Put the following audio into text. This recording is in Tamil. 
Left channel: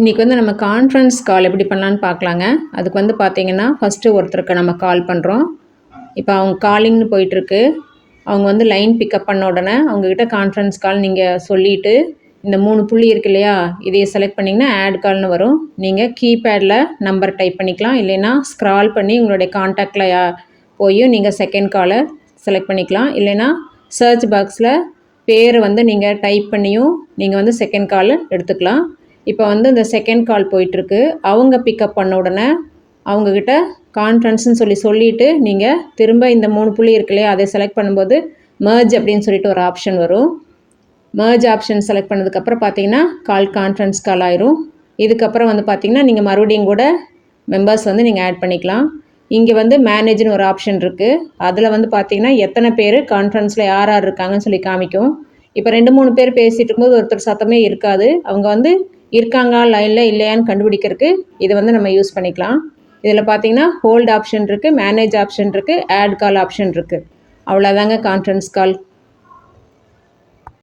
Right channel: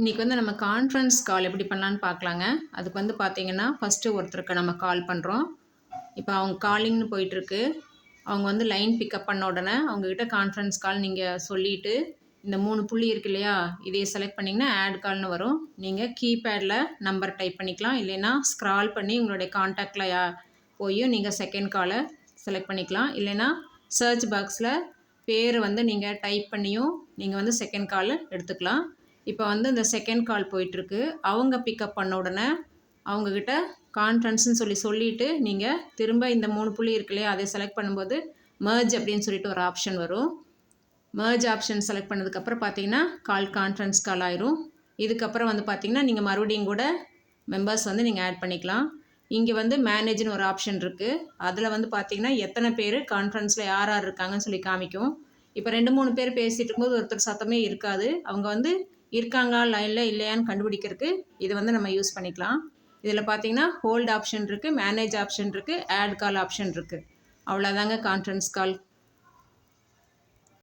இன்றைக்கி வந்து நம்ம கான்ஃபரன்ஸ் கால் எப்படி பண்ணலான்னு பார்க்கலாங்க. அதுக்கு வந்து பார்த்தீங்கன்னா ஃபஸ்ட்டு ஒருத்தருக்கு நம்ம கால் பண்ணுறோம் இப்போ அவங்க காலிங்னு போயிட்டுருக்கு. அவங்க வந்து லைன் பிக்கப் பண்ண உடனே அவங்கக்கிட்ட கான்ஃபரன்ஸ் கால் நீங்கள் சொல்லிவிட்டு இந்த மூணு புள்ளி இருக்கு இல்லையா இதையை செலக்ட் பண்ணிங்கன்னா ஆட் கால்னு வரும். நீங்கள் கீபேடில் நம்பர் டைப் பண்ணிக்கலாம். இல்லைன்னா ஸ்க்ரால் பண்ணி உங்களுடைய காண்டாக்டில் போய் நீங்கள் செகண்ட் காலை செலக்ட் பண்ணிக்கலாம். இல்லைன்னா சர்ச் பாக்ஸில் பேர் வந்து நீங்கள் டைப் பண்ணியும் நீங்கள் வந்து செகண்ட் காலை எடுத்துக்கலாம். இப்போ வந்து இந்த செகண்ட் கால் போயிட்டுருக்கு. அவங்க பிக்கப் பண்ண உடனே அவங்கக்கிட்ட கான்ஃபரன்ஸ்னு சொல்லி சொல்லிவிட்டு நீங்கள் திரும்ப இந்த மூணு புள்ளி இருக்கு இல்லையா அதை செலக்ட் பண்ணும்போது மர்ஜ் அப்படின்னு சொல்லிட்டு ஒரு ஆப்ஷன் வரும். மர்ஜ் ஆப்ஷன் செலக்ட் பண்ணதுக்கப்புறம் பார்த்தீங்கன்னா கால் கான்ஃபரன்ஸ் கால் ஆயிரும். இதுக்கப்புறம் வந்து பார்த்தீங்கன்னா நீங்கள் மறுபடியும் கூட மெம்பர்ஸ் வந்து நீங்கள் ஆட் பண்ணிக்கலாம். இங்கே வந்து மேனேஜ்னு ஒரு ஆப்ஷன் இருக்குது அதில் வந்து பார்த்திங்கன்னா எத்தனை பேர் கான்ஃபரன்ஸில் யார் யார் இருக்காங்கன்னு சொல்லி காமிக்கும். இப்போ ரெண்டு மூணு பேர் பேசிகிட்டு இருக்கும்போது ஒருத்தர் சத்தமே இருக்காது. அவங்க வந்து இருக்காங்க லைனில் இல்லையான்னு கண்டுபிடிக்கிறதுக்கு இதை வந்து நம்ம யூஸ் பண்ணிக்கலாம். இதில் பார்த்தீங்கன்னா ஹோல்ட் ஆப்ஷன் இருக்குது மேனேஜ் ஆப்ஷன் இருக்குது ஆட் கால் ஆப்ஷன் இருக்குது அவ்வளோதாங்க கான்ஃபரன்ஸ் கால்